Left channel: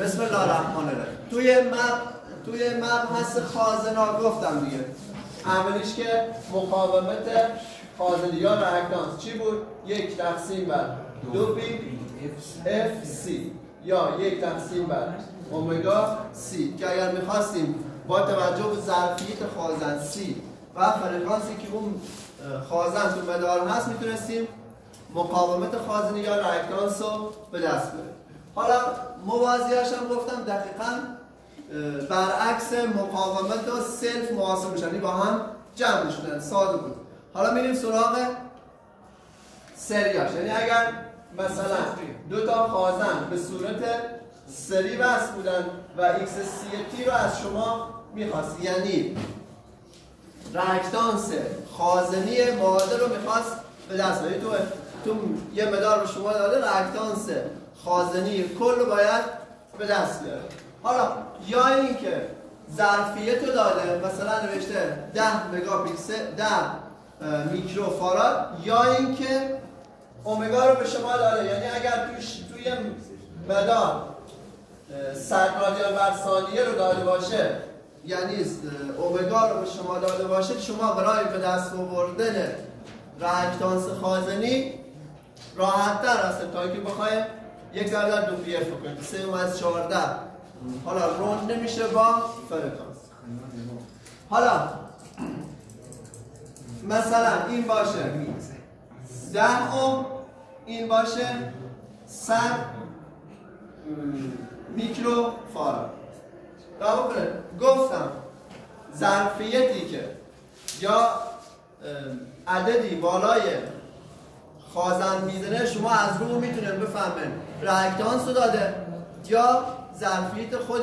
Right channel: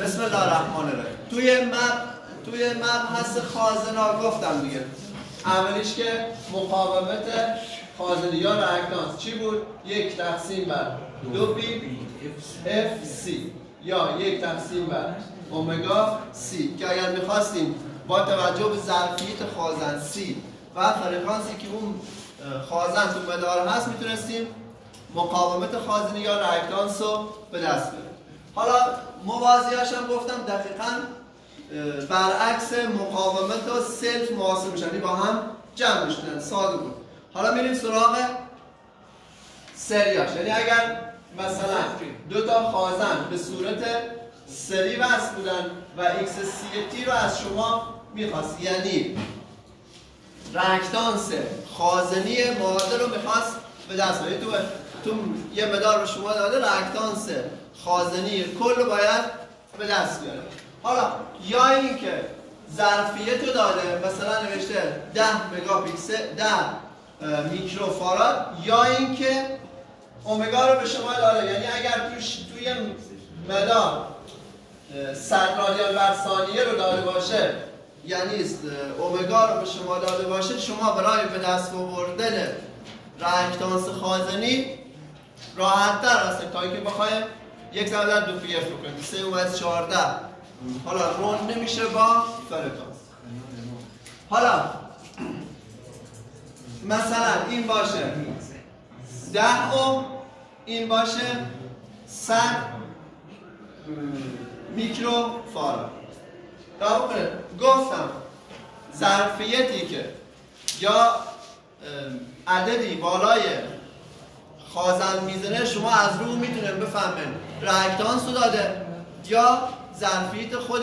بسم الله الرحمن الرحیم. توی مبحث خازنا گفتم دیگه، اولیش که مقاومت خازنی یا ریاکتانس چی بود؟ 1 تقسیم بر 2 پی اف سی یا 1 تقسیم بر اومگا سی، که اگر میخواستیم با توجه به ظرفیت خازن سی و فرکانسی که اون خازن تو مدار هست میتونستیم مقاومت خازنی یا ریاکتانس رو به دست بیاریم. حالا موازیاش هم گفتم دقیقاً برعکس مقاومت و سلف محاسب میشن، با هم جمع میشن، ساده بود. حالا میریم سراغ سریاش، یعنی اگر مثلا دو تا خازن به صورت سری وصل بودن و ایکس سی تی رو از شما میخواست، یعنی ریاکتانس خازنی معادل رو میخواست به دست بیاره، تو یه مدار به شما داده ریاکتانس خازنی کل رو باید به دست بیاره. حالا یا اینکه ظرفیت رو داده، مثلا نوشته 10 مگاپیکسل 10 میکروفاراد، یا اینکه اومگا رو به شما داده، یعنی اگر توی مدار 100 رادیان بر ثانیه رو داده باشه، یعنی اومگا رو به شما داده باشه، شما برای به دست آوردن ریاکتانس خازنی راحت‌تر هست تا اینکه بخواید 1 ضرب در 2 پی اف بکنید 3 اومد 14. حالا روند نمیشه با فرکانس. حالا مثلا این باشه 10 اوم، این باشه 100 میکروفاراد. گفتم ظرفیتی که یا عددی بالای خازن میزنه شما از رو میتونید بفهمید ریاکتانس رو داده یا ظرفیت خود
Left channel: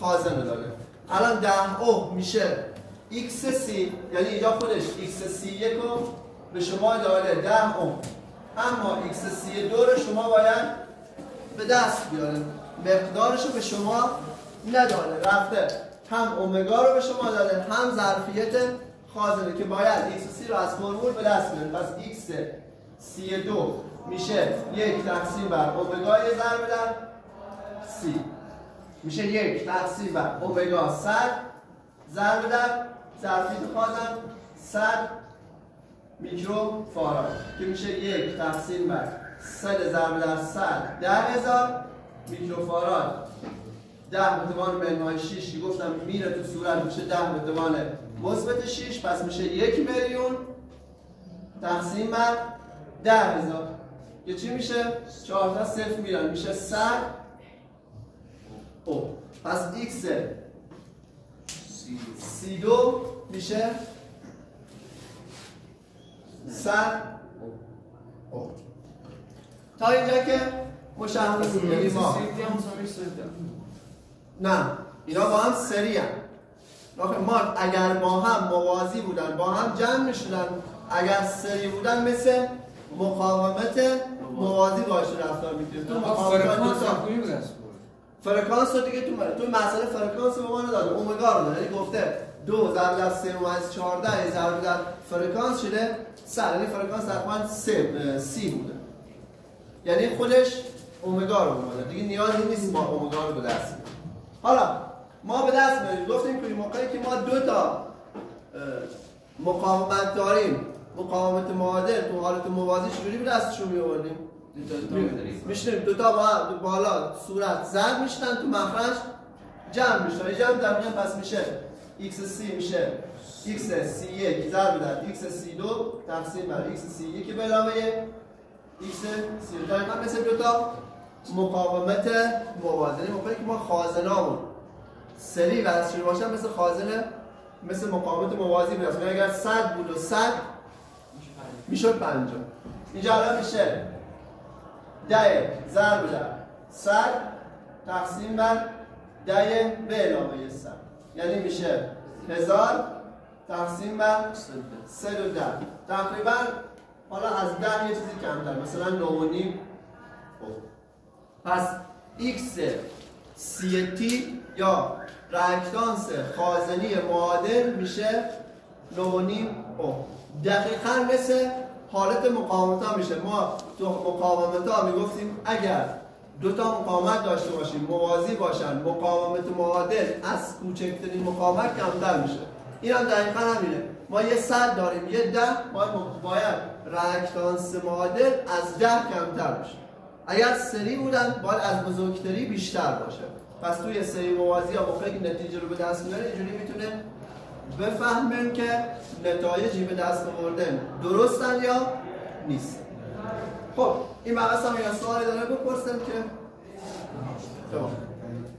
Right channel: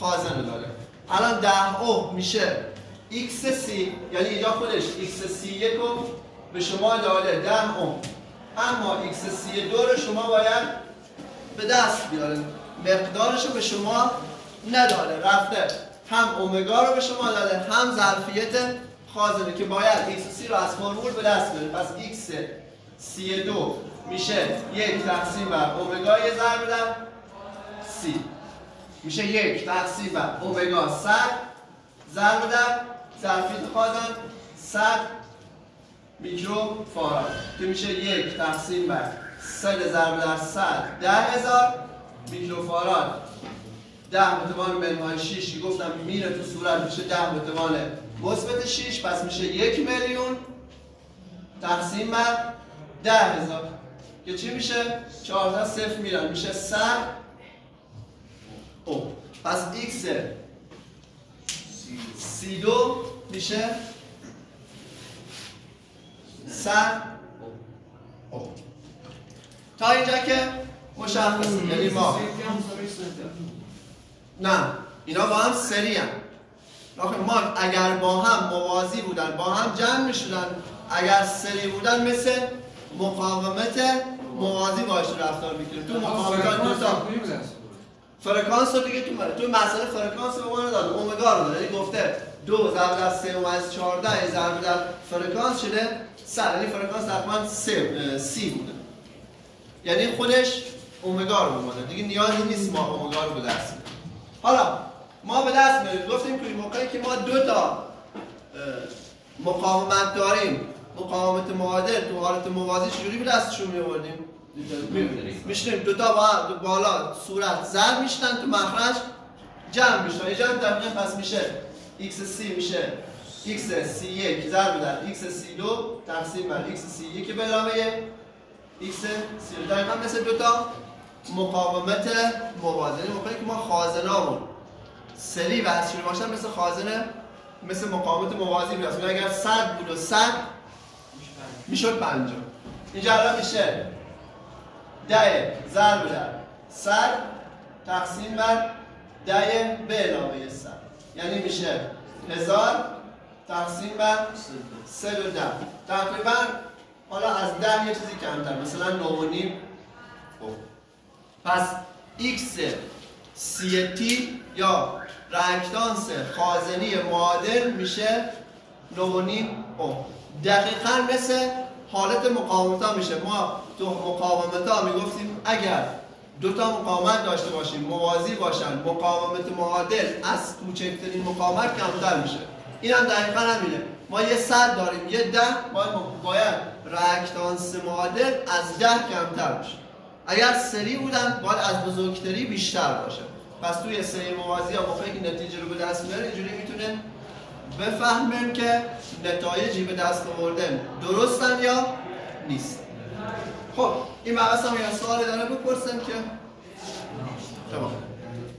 خازن رو داده. الان 10 اوم میشه ایکس سی، یعنی اینجا خودش ایکس سی یک رو به شما داده 10 اوم، اما ایکس سی دو رو شما باید به دست بیاره، مقدارش رو به شما نداده، رفته هم اومگا رو به شما داده هم ظرفیت خازنه که باید ایکس سی رو از فرمول به دست بیاره. پس ایکس سی دو میشه 1 تقسیم بر اومگا یه ضرب در سی، میشه 1 تقسیم بر اومگا 100 ضرب در ظرفیت خازن 100 میکروفاراد که میشه 1 تقسیم بر 100 ضرب در 100 10,000 میکروفاراد. 10 به توان منهای 6 که گفتم میره تو صورت میشه 10 به توان مثبت 6، پس میشه 1 میلیون تقسیم بر 10,000 که چی میشه؟ 14 صفر میرن میشه 100 او. پس ایکس سی دو میشه 100 او. تا اینجا که مشخصه، یعنی ما نه اینا با هم سری هم. ما اگر با هم موازی بودن با هم جمع میشدن، اگر سری بودن مثل مقاومت موازی باش رفتار میکنیم. تو مقاومت فرکانس رو دیگه تو مسئله فرکانس به ما نداده، اومگا رو داده، یعنی گفته 2 ضرب در 3 اومد 14 ضرب در فرکانس شده 100، یعنی فرکانس تقریبا سی بوده، یعنی خودش اومگا رو اومده دیگه، نیازی نیست ما اومگا رو به دست بیاریم. حالا ما به دست میاریم، گفتیم که موقعی که ما 2 تا مقاومت داریم، مقاومت معادل تو حالت موازی چجوری به دستشون می‌آوردیم؟ میشنیم 2 تا بالا صورت ضرب میشن تو مخرج جمع میشن، یه جمع دقیقاً پس میشه ایکس سی میشه ایکس سی یک ضرب در ایکس سی دو تقسیم بر ایکس سی یک به علاوه ایکس سی دو، دقیقاً مثل 2 تا مقاومت موازی. موقعی که ما خازنامون سری وصل شده باشن مثل خازن مثل مقاومت موازی میاد، اگر 100 بود و 100 میشد 50. اینجا الان میشه 10 ضرب در 100 تقسیم بر 10 به علاوه 100، یعنی میشه 1000 تقسیم بر 110. تقریبا حالا از 10 یه چیزی کمتر، مثلا 9.5. پس ایکس سی تی یا ریاکتانس خازنی معادل میشه 9.5 اوم. دقیقاً مثل حالت مقاومت ها میشه. ما تو مقاومت ها میگفتیم اگر دو تا مقاومت داشته باشیم موازی باشن، مقاومت معادل از کوچکترین مقاومت کمتر میشه. این هم دقیقا همینه. ما یه 100 داریم، یه 10 باید رأکتانس معادل از 10 کمتر بشه. اگر سری بودن باید از بزرگتری بیشتر باشه. پس توی سری موازی ها موقعی که نتیجه رو به دست میاره اینجوری میتونه بفهمیم که نتایجی به دست آوردن درستن یا نیست. خب این مقصد هم یه سوالی داره بپرسیم که تمام.